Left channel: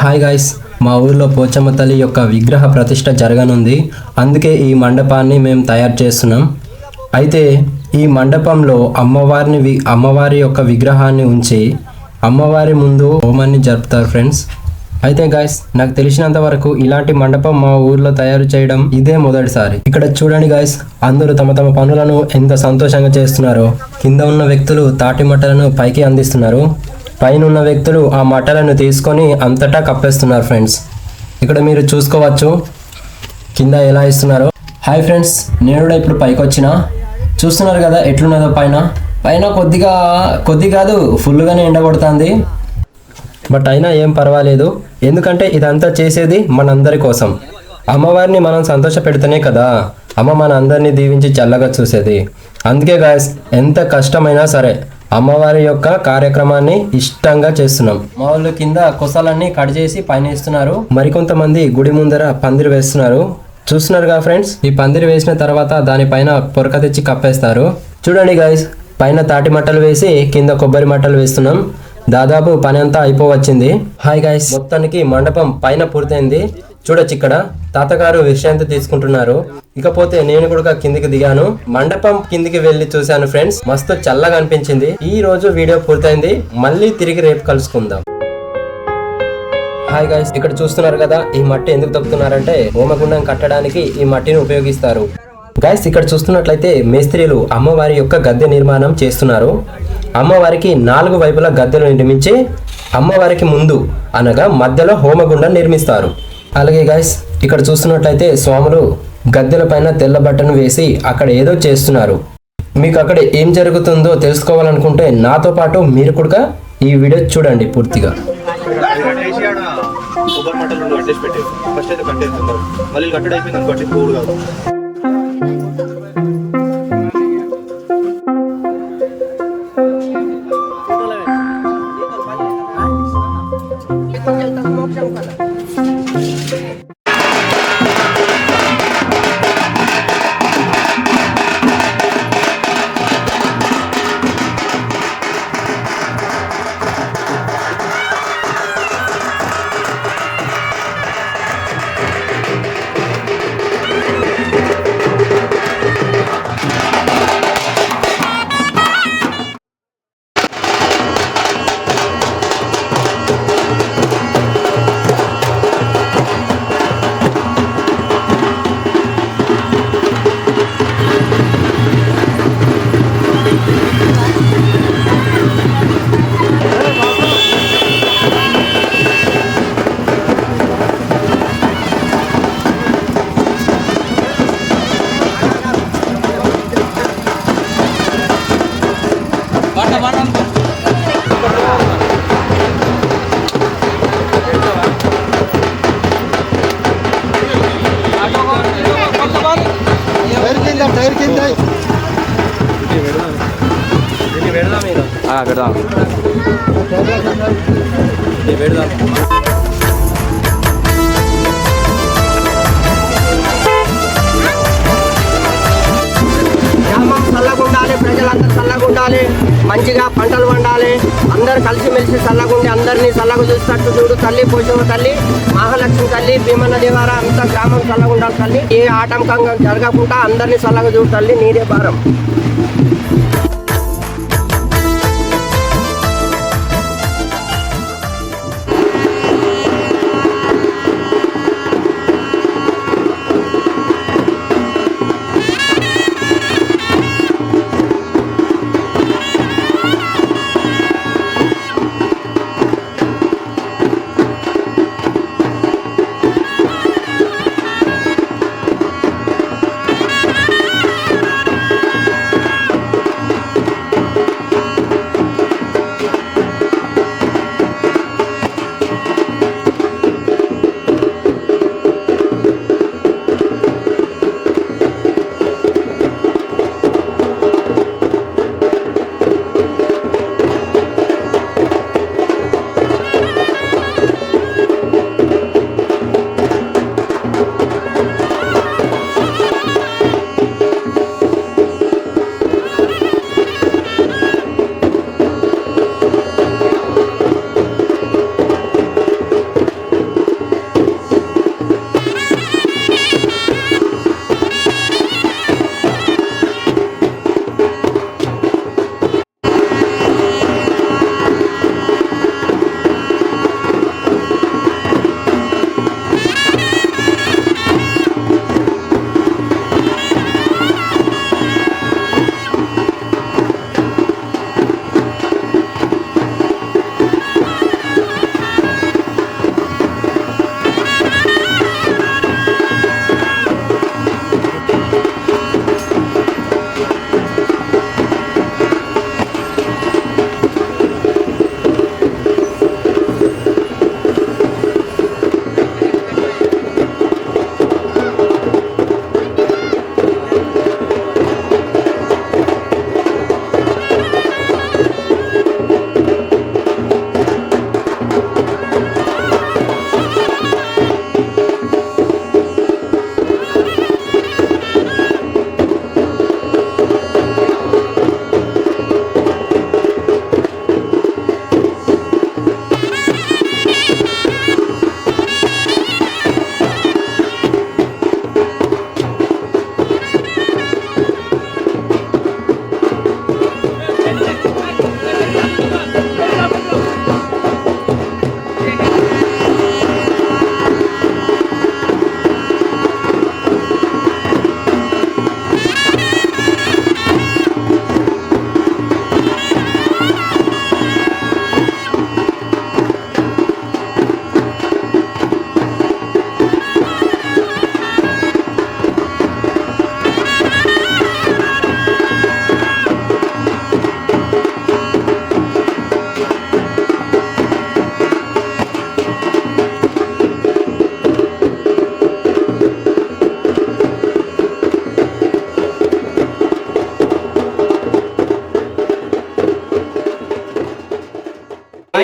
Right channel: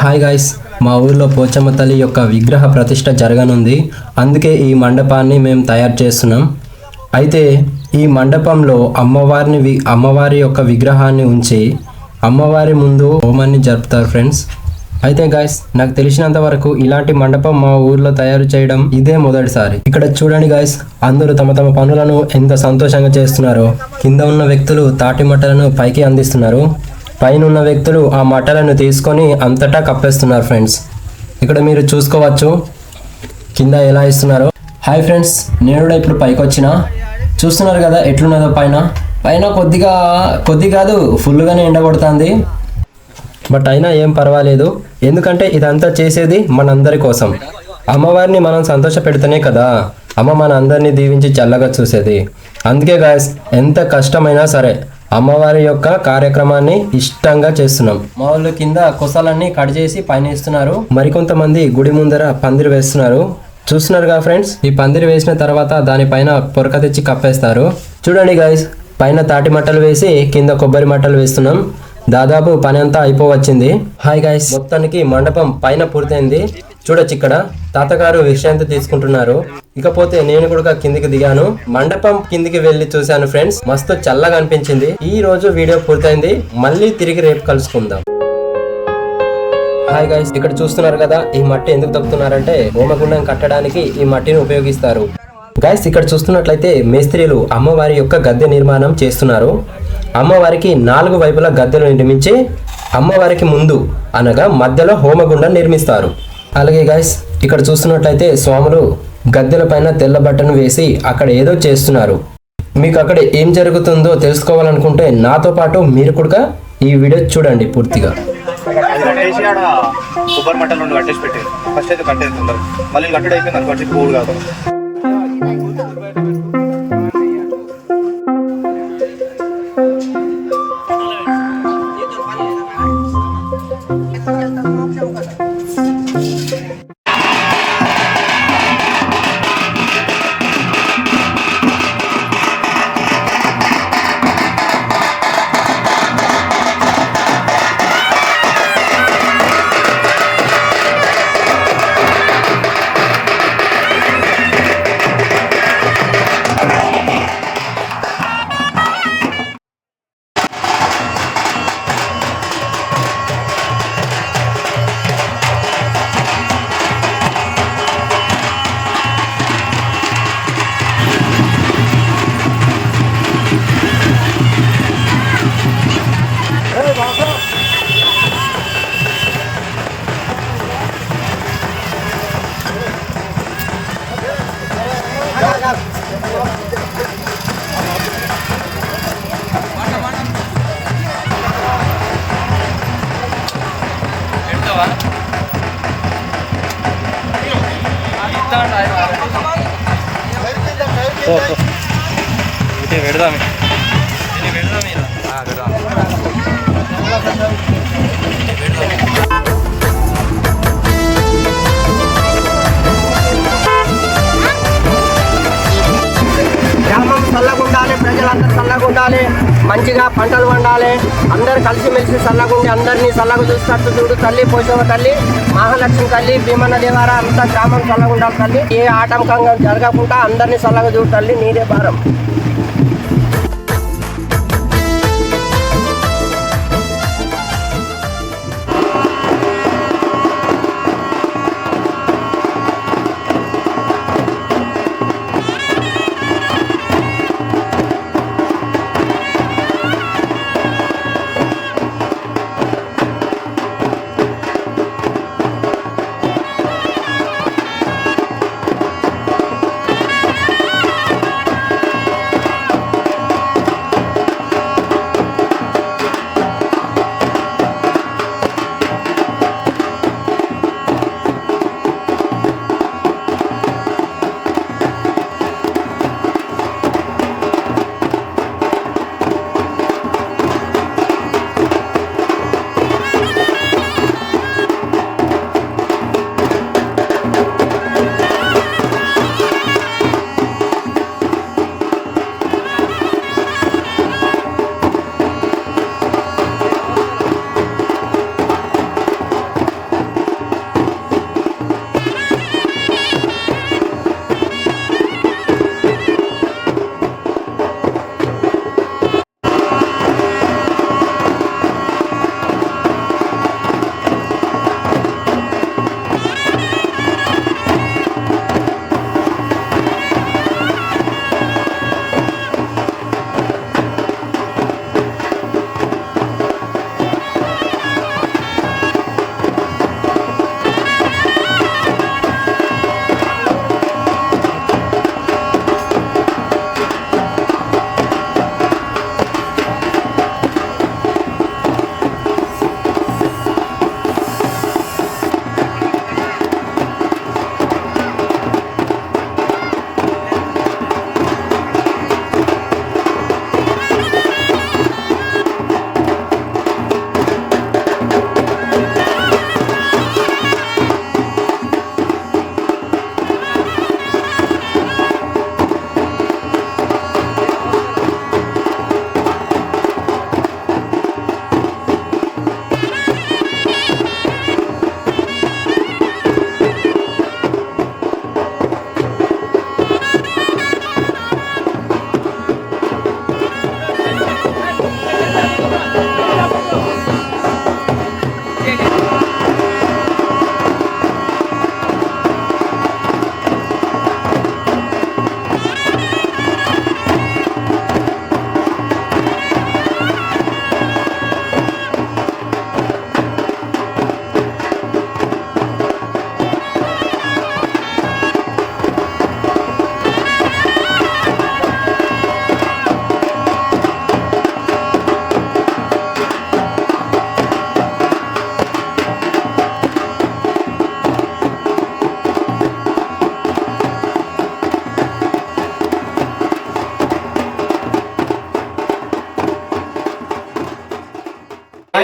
Hi guys, మా ఊర్లో పోచమ్మ తల్లి యొక్క విగ్రహ ప్రతిష్ట జరగనుంది. అందుకే ఈ మండపాన్ని మేము తయారు చేస్తున్నాం. అయితే ఈ మండపంలో అమ్మవారి యొక్క విగ్రహాన్ని ఉంచి అమ్మవారి ముందు హోమాన్ని జరుపుతారు ఫ్రెండ్స్. అయితే గైస్, నాకు తెలిసినంత వరకు ఇలాంటి మండపం మా ఊర్లో తయారు చేయడం ఇదే మొదటిసారి. ఇక్కడ చూడండి గైస్, అందరూ తమ తమ పనులను ఎంత సంతోషంగా చేస్తున్నారో. కింద ఉన్న వ్యక్తులు తాటి మట్టలను పైకి అందిస్తున్నారు. పైన ఉన్న వ్యక్తులు ఆ మట్టలను తీసుకొని అంతటా కప్పేస్తున్నారు ఫ్రెండ్స్. ఇక్కడ మీరు చూసుకోవచ్చు కింద ఎలా ఇస్తున్నారో. హాయ్ ఫ్రెండ్స్, నేను కూడా ఇప్పుడు పైకి వచ్చిన. చూస్తున్నారు కదా ఎట్లున్నదో. పైన కొద్ది కాదు ఫుల్గానే ఎండగొడుతుంది. బట్ అయినా ఏం పర్వాలేదు, ఎందుకంటే ఇదంతా చేసేది మనందరి కోసం. అమ్మవారిని మనం సంతోష పెడితేనే కదా అమ్మ మన అందరినీ దీవించి చల్లగా చూసేది. అందుకే గాయస్, ఎంత కష్టమైనా సరే అమ్మవారి యొక్క కార్యక్రమాన్ని ఇష్టంగా చేస్తున్నాం. మా వాళ్ళు కింద కొసలన్నీ కట్ చేసి పైన ఇస్తున్నారు. మరికొంతమంది గుడి ముందర పందిరి వేస్తున్నారు. చూస్తున్నారుగా ఫ్రెండ్స్, ఈ పందిరి వేసిన తర్వాత దానిపైన పొరక తెచ్చి కప్పేస్తారు. చూడండి గైస్, పైన తాటి మట్టలు వేసి కింద కొబ్బరి మట్టలు వేస్తున్నాం. దాదాపు పని అంతా అయిపోవచ్చింది. హాయ్ గైస్, మొత్తానికి మండపం పైన పూర్తయింది. చూడొచ్చు, ఇక్కడ తాతగారు విశ్రాంతి తీసుకుంటున్నారు. ఇకపోతే నేను కూడా కిందికి దిగాను. మండపం కిందికి వెళ్లి చూశాను ఫ్రెండ్స్. మస్తు చల్లగా అనిపించింది. ఈ రోజు వీడియో పూర్తయింది. మళ్ళీ తిరిగి రేపు కలుసుకుందాం. హాయ్ గైస్, ఇక్కడ చూస్తున్నారు కదా, ఈ మట్టి ఎందుకు తొక్కుతున్నారంటే హోమగుండం కట్టడానికి ఈ మట్టిని ఉపయోగిస్తారు. గైస్, ఇక్కడ చూస్తున్నట్లయితే మేస్త్రీలు అమ్మవారి యొక్క గద్దె నిర్మాణం చేస్తున్నారు. అమ్మవారికి 4 వైపులా గద్దెలు నిర్మించి అమ్మవారికి ముందు అనగా మధ్యలో హోమగుండం నిర్మిస్తారు. అలాగే గైస్, ఇక్కడ చూస్తున్నట్లయితే స్వాములు గద్దెల పైన తెల్ల బట్టను వేసి అక్కడ ఏదో చేస్తున్నారు. మీకు అక్కడ ఏం జరుగుతుందో తెలుసుకోవాలనుకుంటే నాతో పాటు మీరు కూడా ఈ వీడియో చూడండి పూర్తిగా. గ్రామం చల్లగా ఉండాలి, ప్రజలందరూ చల్లగా ఉండాలి, మంచిగా పంటలు పండాలి, అందరు కలిసిమెలిసి చల్లగా ఉండి అందరినీ చల్లగా చూసినట్టు చూడు తల్లి. పోషమ్మ తల్లి, మహాలక్ష్మి తల్లి, భీమన్న దేవార అంతా గ్రామం చల్లగా ఉండాలి తల్లి. ఏ ఆటంకంగా జరగకుండా అందరినీ చల్లగా చూడు తల్లి, నీదే భారం.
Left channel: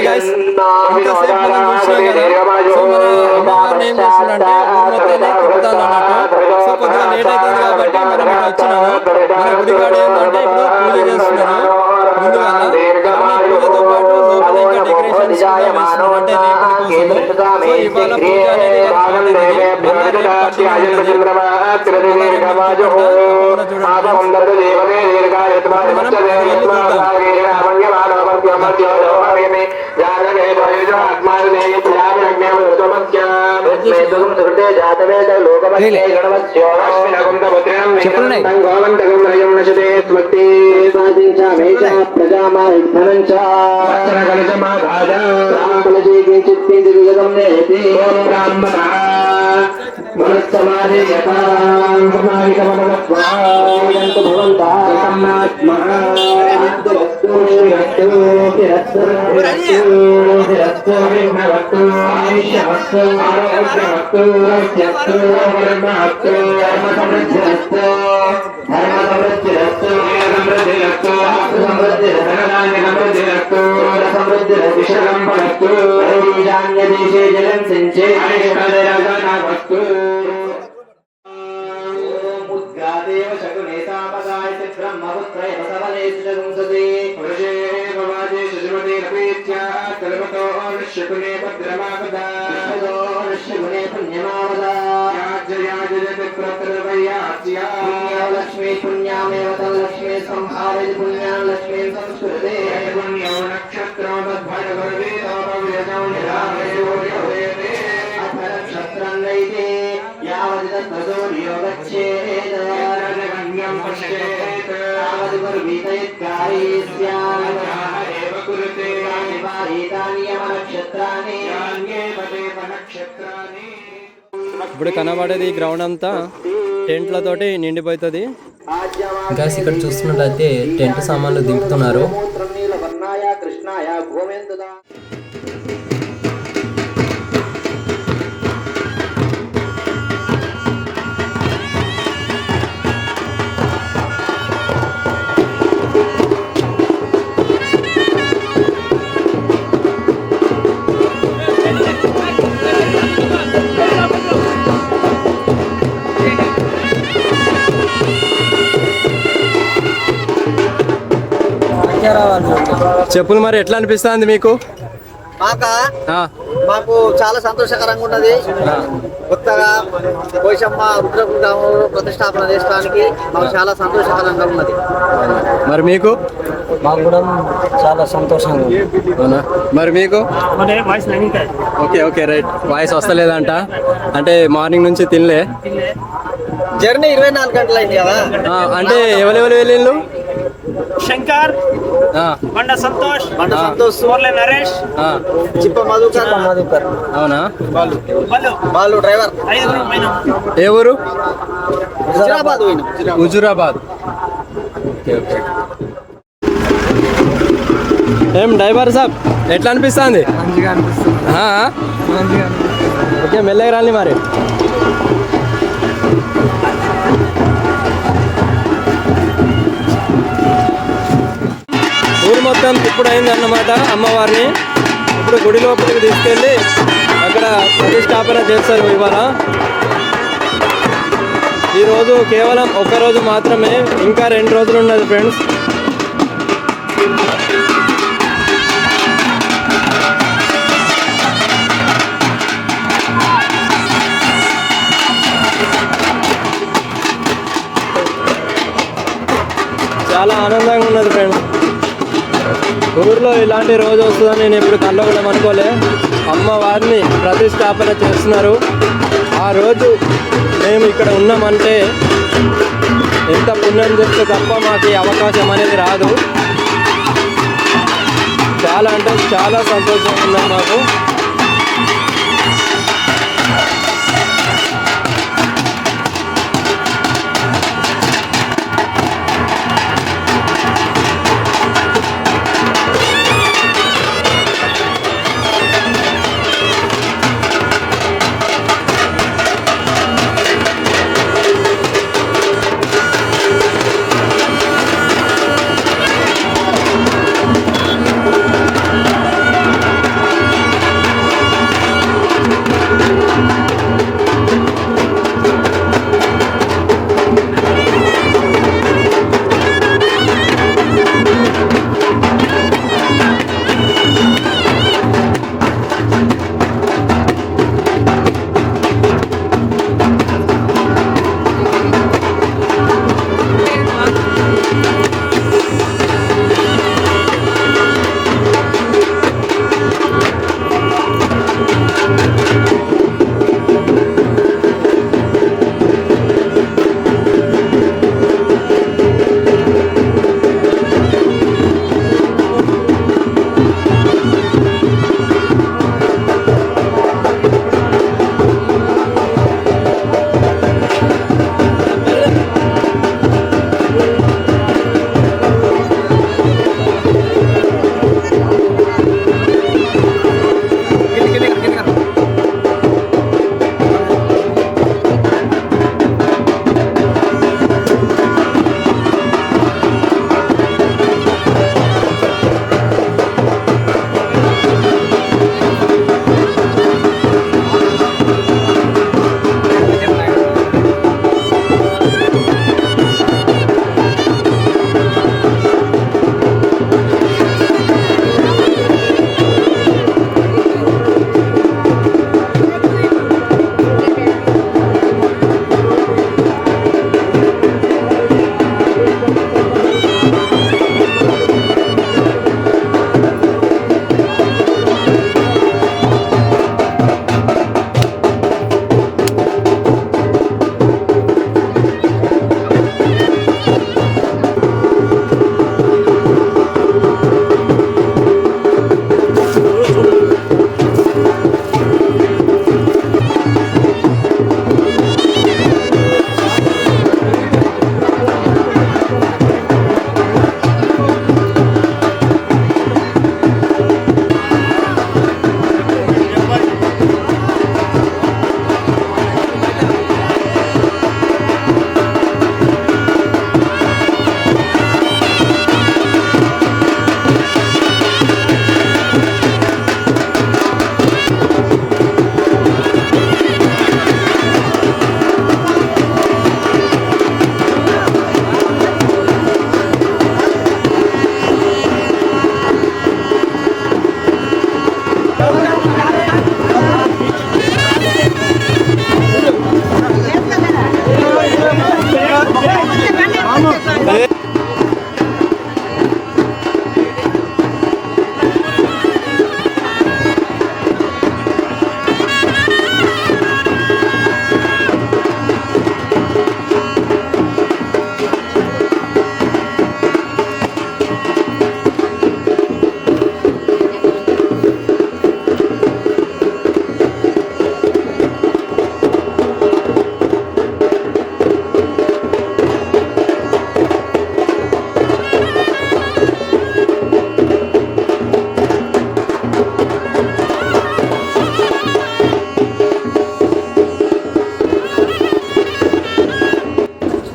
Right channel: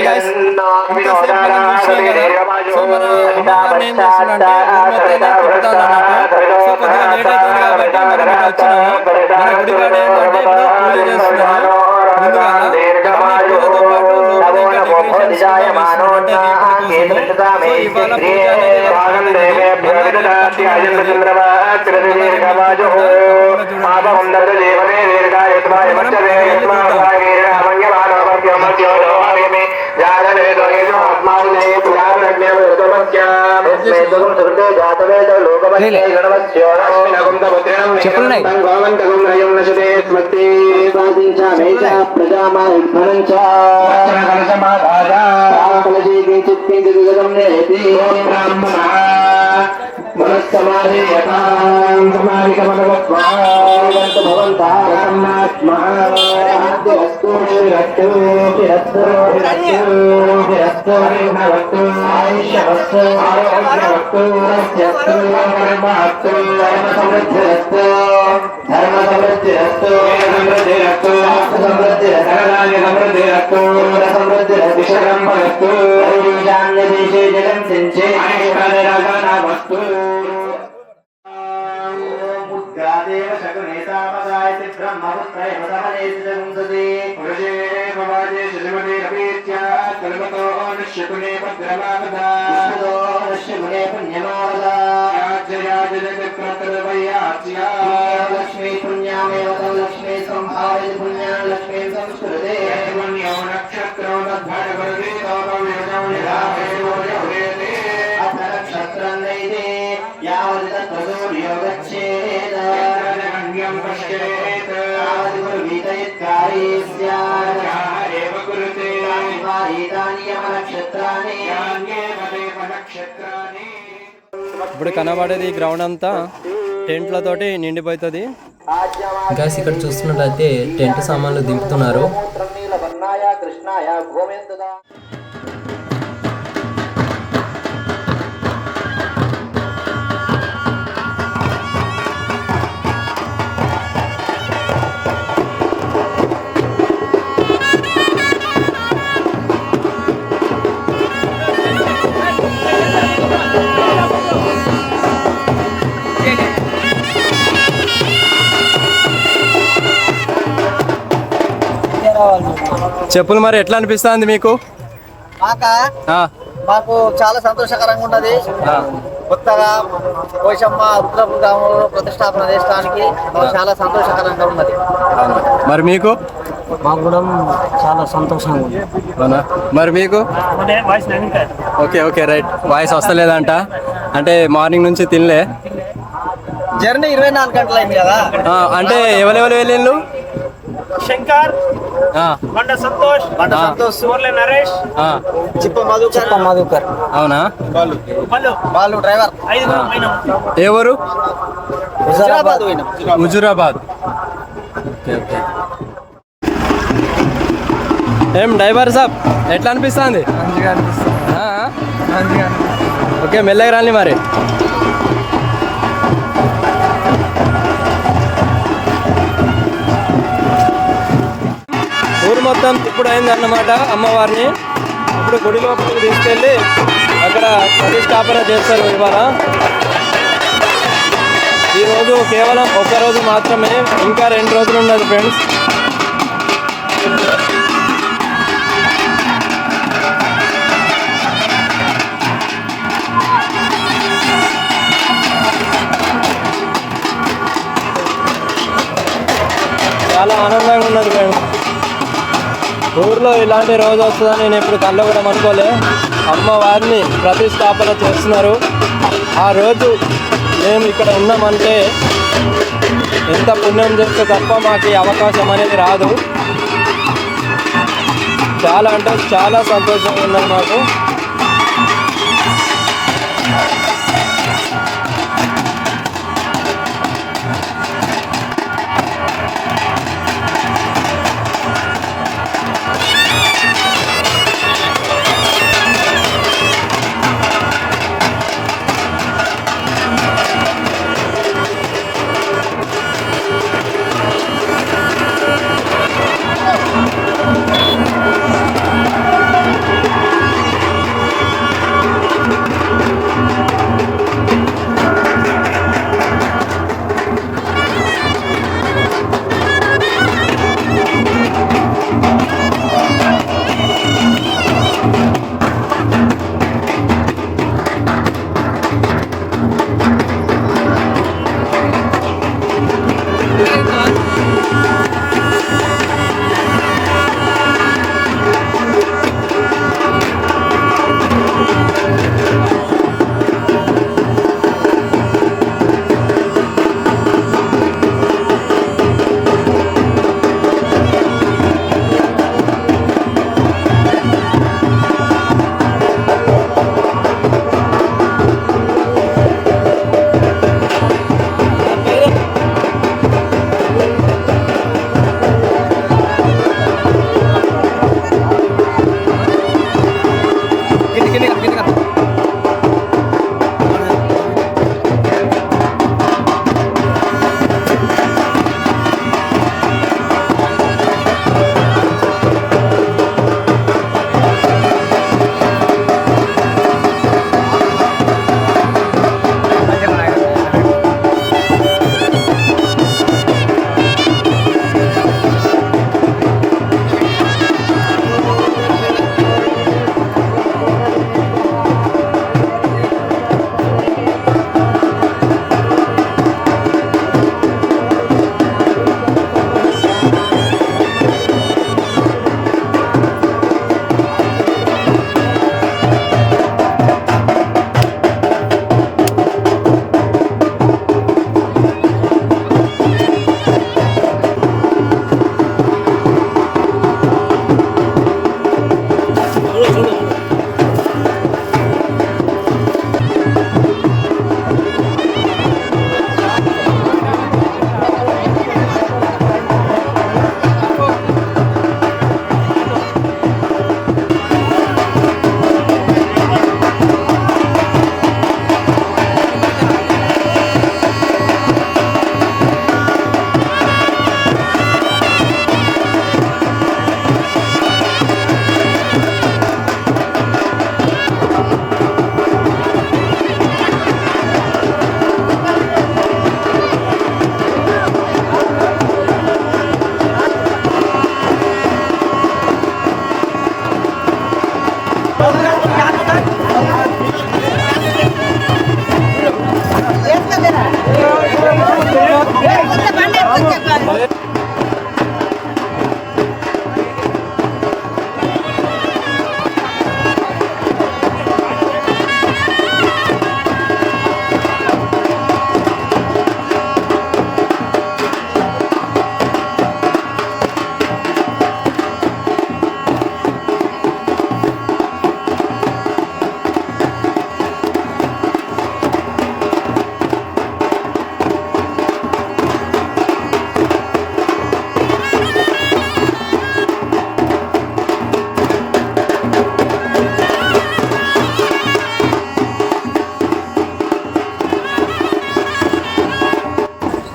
guys, ఇంతసేపు మనం చూసినాం కదా. సో మన అమ్మవారిని ఏం చేస్తుందంటే ఊరు మొత్తాన్ని తిప్పుతాను అన్నట్టు. సో కొద్దిగా లేట్ అవుతుంది కాబట్టి మనం ఇటు వచ్చినాము. మన గుడికాడ ఏంటంటే ఇప్పుడు పూజ చేస్తున్నారు ముందుగా. పూజతో పాటు లోపల ఇంకా డెకరేషన్స్ వేస్తున్నారు అంటే రేపటి కోసము. సో ఇవాళ పూజ అనేది లక్ష్మీ పుణ్యామేవ లక్ష్మీ సంభావయ పుణ్యాం లక్ష్మీ సంస్కృతే నక్షత్రం అథ నక్షత్రం నైతే యావది తత్వసూర్యో గచ్చేత్ యావది గురువీతయత్కారీ స్యాత్ ఏవ కురుతే ఏతాని యమ నక్షత్రాని ఇప్పుడు కనబడేది ఈ గ్రౌండ్ అంతా టెంట్లతోటి నిండిపోతుంది. ఇంకా ఇక్కడ చూస్తున్నట్లయితే టెంట్ సామాన్లు దింపుతున్నారు. చెప్పులు మరి ఎట్లా అనిపిస్తుంది మీకు? మాకు చాలా సంతోషకరంగా ఉన్నది. కొత్తగా పోషమ్మ రుద్రపుర గ్రామంలో ప్రతిష్టాపన చేయడానికి మాకు చాలా సంతోషకరంగా ఉన్నది. మరి మీకు? మాకు కూడా చాలా సంతోషంగా ఉంది. అవునా? మరి మీకు? Okay okay right. వాయిస్ వస్తలేదంట అంటే మార్నింగ్ నుంచి తినలే. జర్నీ 24 గంటలు అయింది కదా. అంటే ఎవరెవరు వెళ్ళిండ్రు? శంకర్, బండ సంతోష్, నరేష్, చిప్ప మధుకర్. అవునా? వాళ్ళు డ్రైవర్. ఏ ఊరు? హుజురాబాద్. హుజురాబాద్. ఏం డ్రైవర్ సాబ్ ఎట్లా అనిపిస్తుంది? మంచిగా అనిపిస్తుంది. ఓకే మెల్లగా రాని మరి. ఊరు మొత్తం ఇప్పుడు అయిందన్నమాట అమ్మవారిని. ఇప్పుడు గుడి లోపలికి తీసుకెళ్ళి అక్కడ ప్రతిష్టాపన చేస్తారు ఇవాళ. ఈరోజు కేవలం ఒక్కరోజు మాత్రమే, ఇంకా 2 రోజులు ఉన్నది ఫ్రెండ్స్. చాలా ఆనందంగా ఉన్నది ఫ్రెండ్స్. ఊర్లో ఇలాంటి రోజు వస్తుందని నేను ఎప్పుడు కళ్ళ కూడా అనుకోలే. అమ్మవారిని ప్రతిష్టాపన చేస్తున్నారు. ఆ రోజు మేము ఇక్కడ ఉన్నామంటే ఎంత పుణ్యం చేస్తే తప్ప మాకు ఈ అవకాశం అనేది రాదు. చాలా అంటే చాలా సంతోషంగా ఉన్నది మాకు.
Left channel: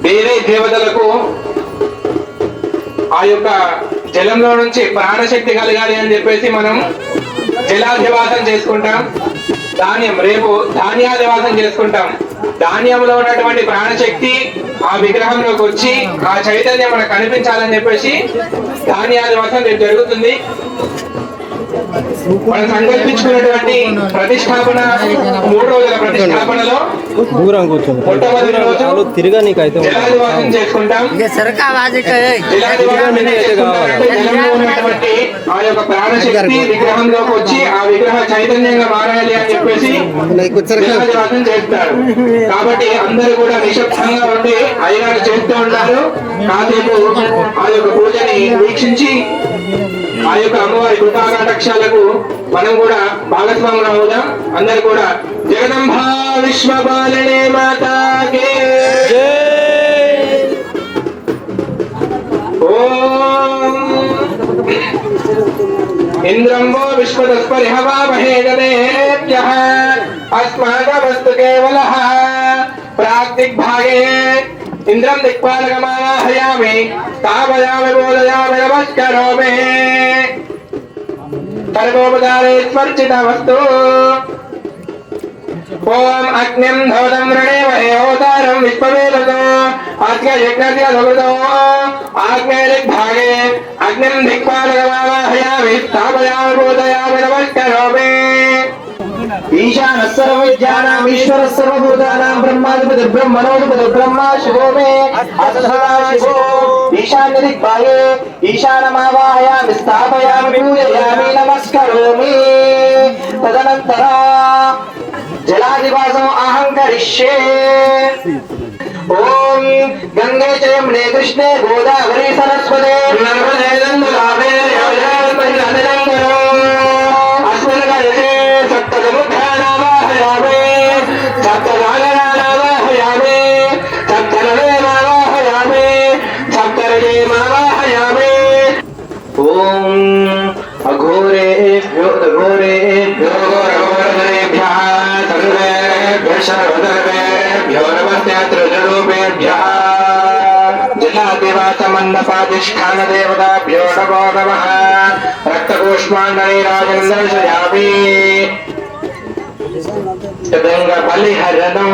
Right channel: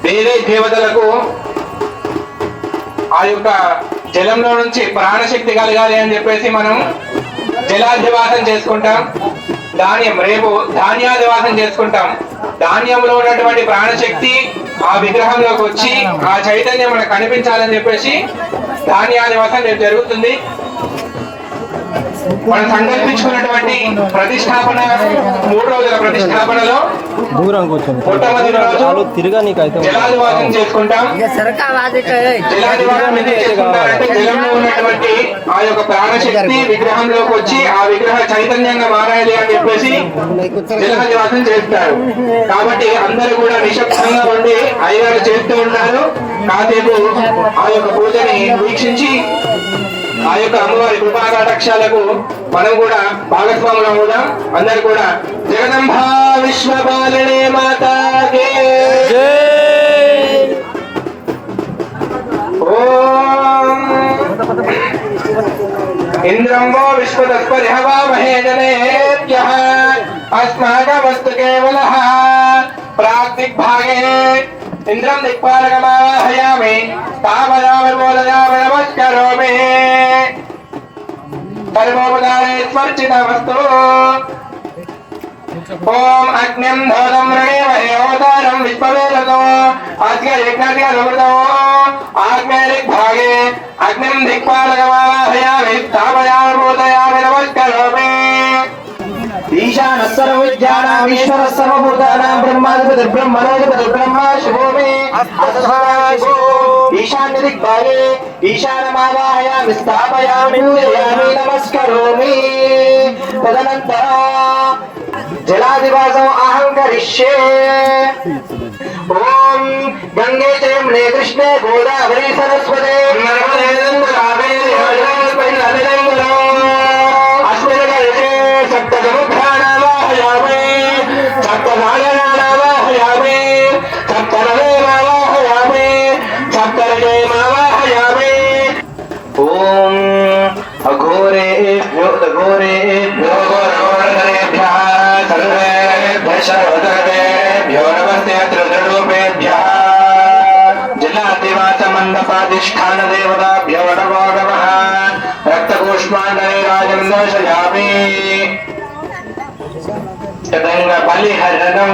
వేరే దేవతలకు ఆ యొక్క జలంలో నుంచి ప్రాణశక్తి కలగాలి అని చెప్పేసి మనం జలాధివాసం చేసుకుంటాం. రేపు ధాన్యాధివాసం చేసుకుంటాం. ధాన్యంలో ఉన్నటువంటి ప్రాణశక్తి ఆ విగ్రహంలోకి వచ్చి ఆ చైతన్యం మనకు కనిపించాలని చెప్పేసి ధాన్యాధివాసం రేపు జరుగుతుంది. మనం సంకల్పించుకున్నటువంటి ప్రతిష్టాపన 3 రోజుల ప్రతిష్టాపనలో దూరం కూర్చోండి. మొట్టమొదటి రోజు తిరగనీకైతే జలాదివాసం చేసుకుంటాం. జలంలో ఉన్నటువంటి ఆ యొక్క ప్రాణశక్తి విగ్రహంలోకి వచ్చి ఆ విగ్రహ చైతన్యంగా మారాలి అని చెప్పేసి జలాదివాసం చేస్తారు. కాబట్టి అందరూ కూడా నిశ్శబ్దంగా ఉండి అయ్యగారు చేస్తూ ఉంటారు. కాసేపు ఆ యొక్క పూజని వీక్షించి ఆ యొక్క అమ్మవారి కృపాకటాక్షాలకు మనం కూడా భాగస్వాములు అవుదాం. అందరు కూడా జగదంబా విశ్వపాలనే మాతాకే ఓం ఇంద్రంబో విశ్వదస్పరిహవామహే జనేభ్యః అస్మాకమస్తు కేవలః ప్రాక్దిగ్భాగే ఇంద్రం దిక్పాలకమాహయామి స్థాపయామి బోధయామి నమస్కరోమి పరమోపదారే స్మర్చితమస్తు. ఓం అగ్నిం ధౌతం వృణీమహే ఓదారం విశ్వవేదతో అగ్నియజ్ఞస్య సమృతో ఆగ్నేయదిగ్భాగే అగ్నిం దిక్పాలకమాహయామి స్థాపయామి బోధయామి నమస్కరోమి. ఈశానః సర్వవిద్యానాం ఈశ్వరः సర్వభూతానాం బ్రహ్మాధిపతిర్ బ్రహ్మణోధిపతిర్ బ్రహ్మ శివో మే అసధాశివో. ఈశాన్య దిగ్భాగే ఈశానమావాహయామి స్థాపయామి పూజయామి నమస్కరోమి. తదనంతరం जलादिवासम् अहं करिष्ये। ओम गंगे च यमुने कृष्णे गोदावरी सरस्वती नर्मदे गंगे कावेरी अस्मिन् कलशे सप्तसमुद्राणावाहयामि सप्तसागराणावाहयामि सप्तनदीमावाहयामि सप्तरजयमावाहयामि। ओम अघोरेभ्यो घोरेभ्यः सर्वेभ्यः सर्वधर्मेभ्यो नमस्ते त्रिरूपेभ्यः जलादिवास मंडपाधिष्ठान देवताभ्यो नमो नमः। रक्तपुष्पाण्डैराजं दर्शयामि तदंग बलिहरणं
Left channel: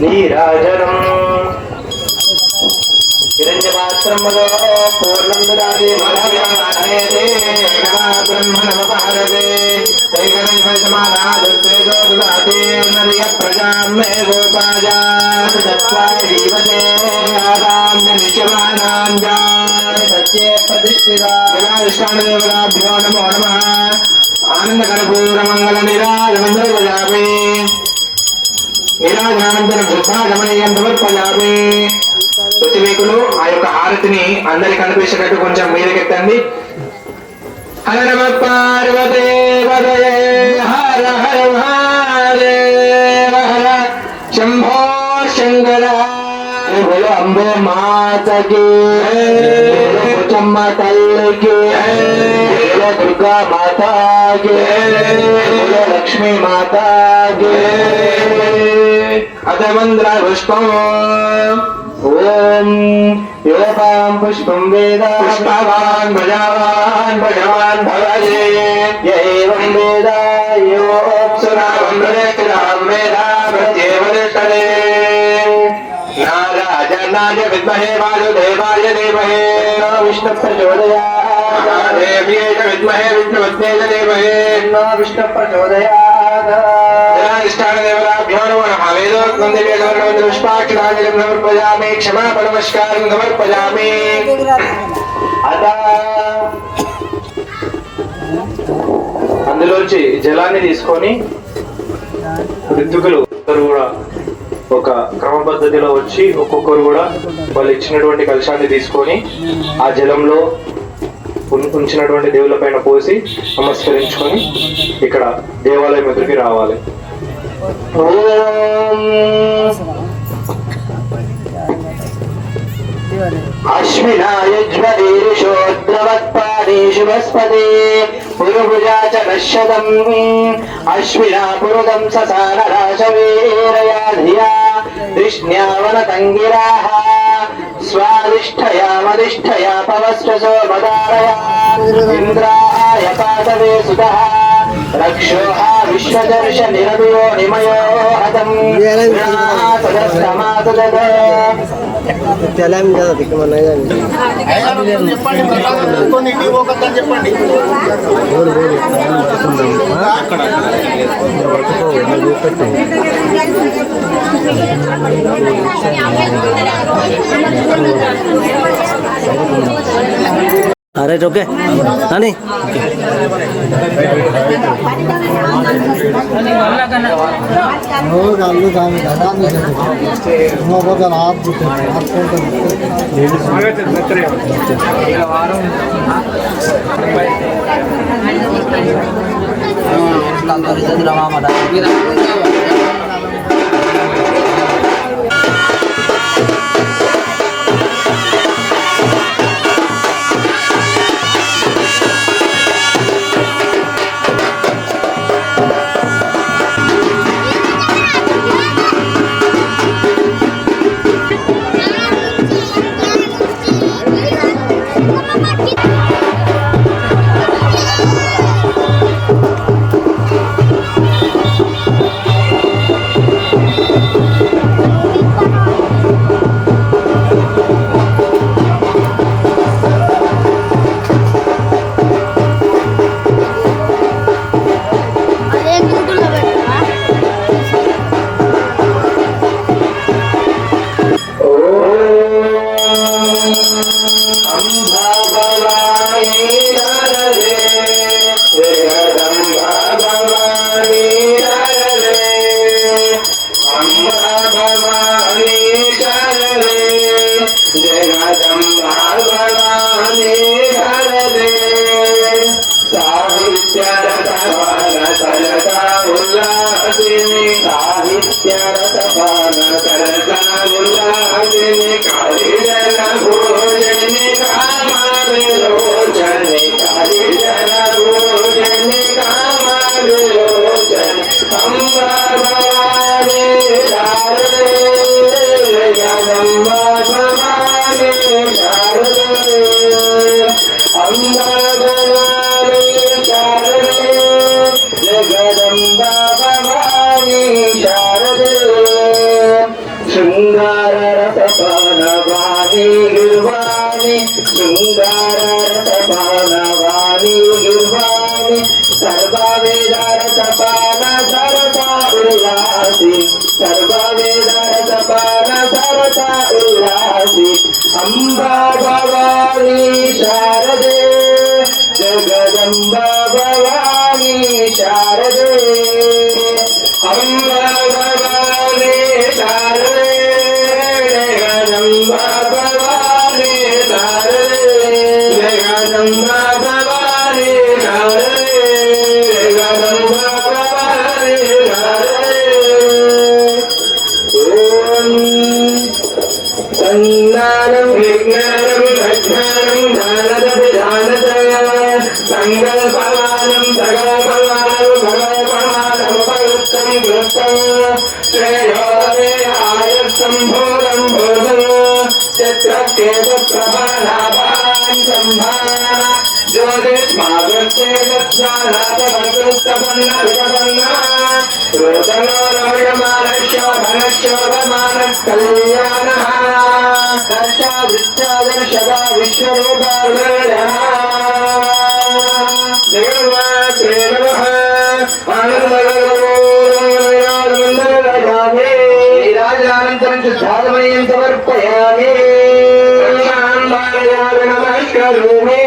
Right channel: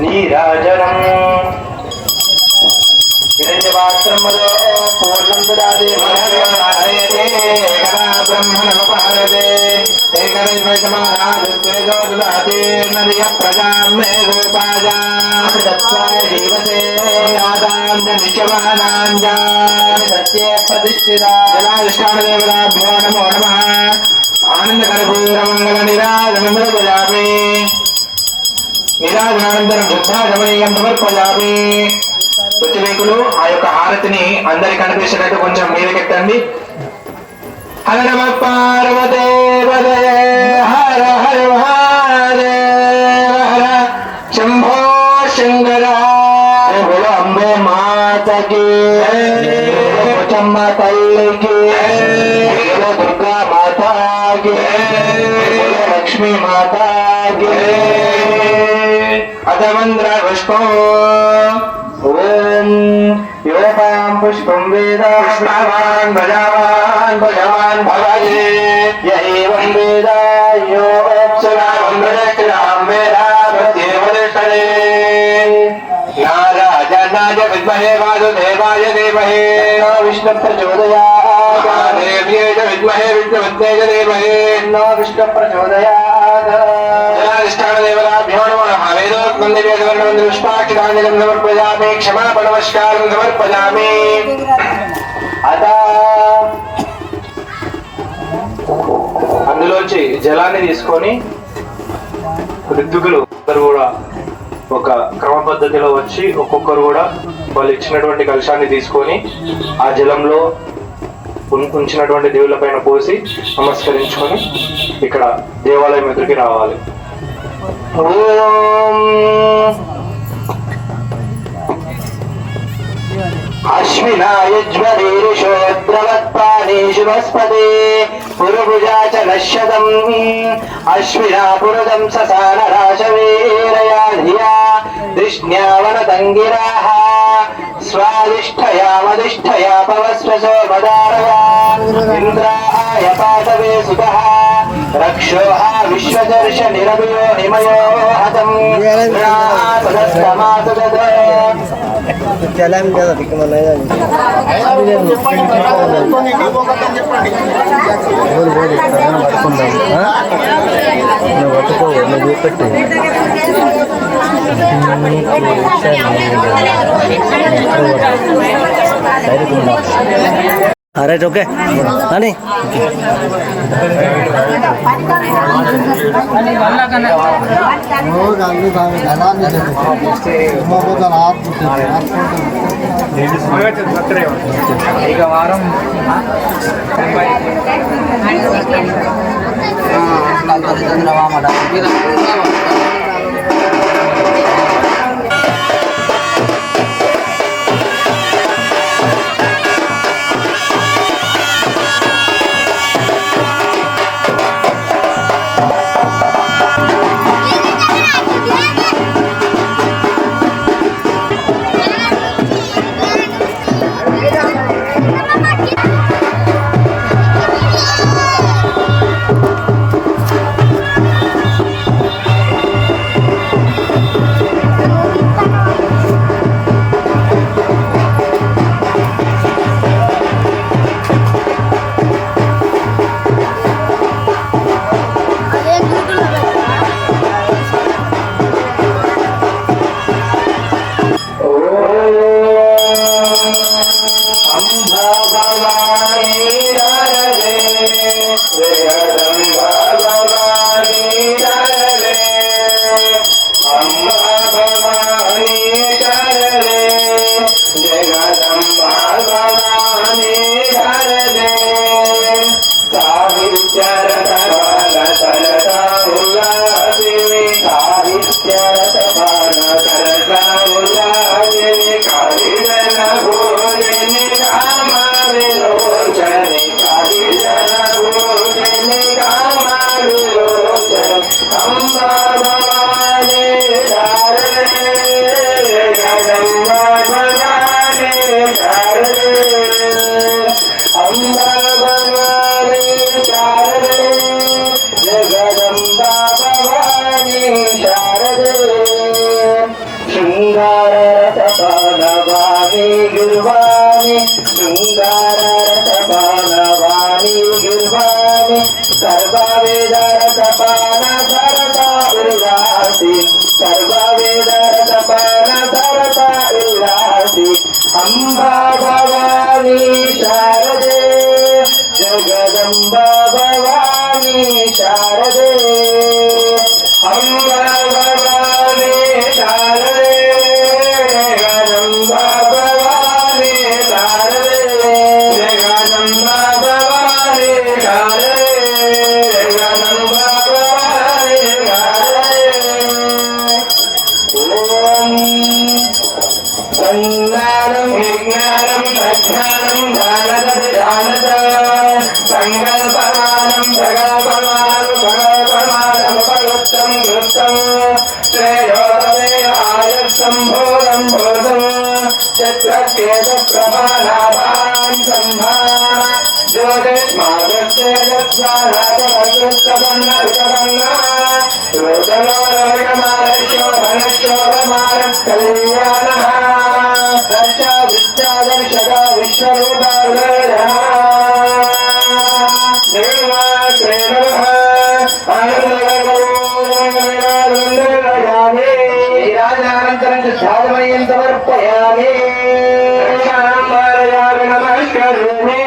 नीराजनम् हिरण्यपात्रं पूर्णं ददाति ब्रह्मणमुपहरते तेजो ददाति नर्य प्रजां मे गोपाया दत्त्वा जीवते आदान्यनित्यमानां जाय सत्ये प्रतिष्ठिता जलाधिष्ठानदेवताभ्यो नमो नमः। आनन्दकर्पूरमङ्गलनिराजनं समर्पयामि निराजनानन्तरं शुद्धागमनीयं समर्पयामि। ప్రతివేకులు ఆ యొక్క హారతిని అందరికి కనిపించేటట్టు కొంచెం మీదకెత్తండి. హర నమ పార్వతే పదయే హర హర మహాదేవ హర శంభో శంకర బోలో అంబే మాతకి పోచమ్మ తల్లికి బోలో దుర్గా మాతాకి బోలో లక్ష్మీ మాతాకి అధమంద్ర పుష్పం ओम योपां पुष्पं वेद पुष्पवान् भजवान् भगवान् भवये य एवं वेद यो अप्सरां वदत्रां वेदा प्रत्येवदष्टले नारायणाय विद्महे वासुदेवाय धीमहि विष्णु प्रचोदयात् महादेव्यै च विद्महे विष्णुपत्न्यै च धीमहि विष्णु प्रचोदयात्। जलाधिष्ठानदेवताभ्यो नमः। वेदोक्तं दिव्यगौरवपुष्पाक्षराञ्जलिं समर्पयामि क्षमापणमस्कारं समर्पयामि। అందులోంచి జలాన్ని తీసుకొని ఋతుకులు కూడా ఒక క్రమ పద్ధతిలో వచ్చి ఒక్కొక్కరు కూడా వాళ్ళు ఇచ్చినటువంటి కలశాన్ని తీసుకొని ఆ జలంలో ఉంచినటువంటి దేవుళ్ళ పైన పోసి నమస్కరించుకొని ఇక్కడ దేవాలయం ఎదురుకి రావాలి. అశ్వినాయుజ్వరీరుషోద్రవత్పాదేషు వస్పదే పురుభుజా చ నశ్యతం అశ్వినా పురుదం ససానరాశవీరయా ధియా ధిష్ణ్యావనతంగిరాః స్వాదిష్ఠయామదిష్ఠయా పవస్వసో మదారయా ఇంద్రాయ పాదవే సుతః రక్షోః విశ్వదర్శ నిరమయో నిమయో హతం సదస్తమాసదదే चला కదా దిక్కుమన్నా బోలు బోలు పడుకుందాం పట్టుకో చూపెట్టు రైట్ ఓకే అని శృంగారరసపానవాణి గిర్వాణి శృంగారరసపానవాణి గిర్వాణి సర్వవేదరసపాన సరసా ఉల్లాసి సర్వవేదరసపాన సరసా ఉల్లాసి అంబా భవాని శారదే జగదంబా భవాని శారదే అంబా భవాని శారదే జగదంబా భవాని శారదే జగదంబా భవాని శారదే జగదంబా భవాని శారదే ఓం సంజ్ఞానం విజ్ఞానం ప్రజ్ఞానం జ్ఞానద సంకల్పమానం ప్రకల్పమానం ప్రకల్పమానం ఉపయుక్తం కృతం శ్రేయోదరే ఆయత్సంభూతం భూతం చక్రకేత ప్రభానాభాం సంభాన జ్యోతిష్మాదృష్టే దత్యానాది వర్గస్తపన్న వితపన్న రోదనోరమణమానశోభనశోభమాన కళ్యాణః దర్శా దర్శగా విశ్వరూపాణः జగన్మాత్రే నమః ఆనందగౌరవయామి రాజానంతరం సాధమయం సమర్పయామి నమస్కరోమి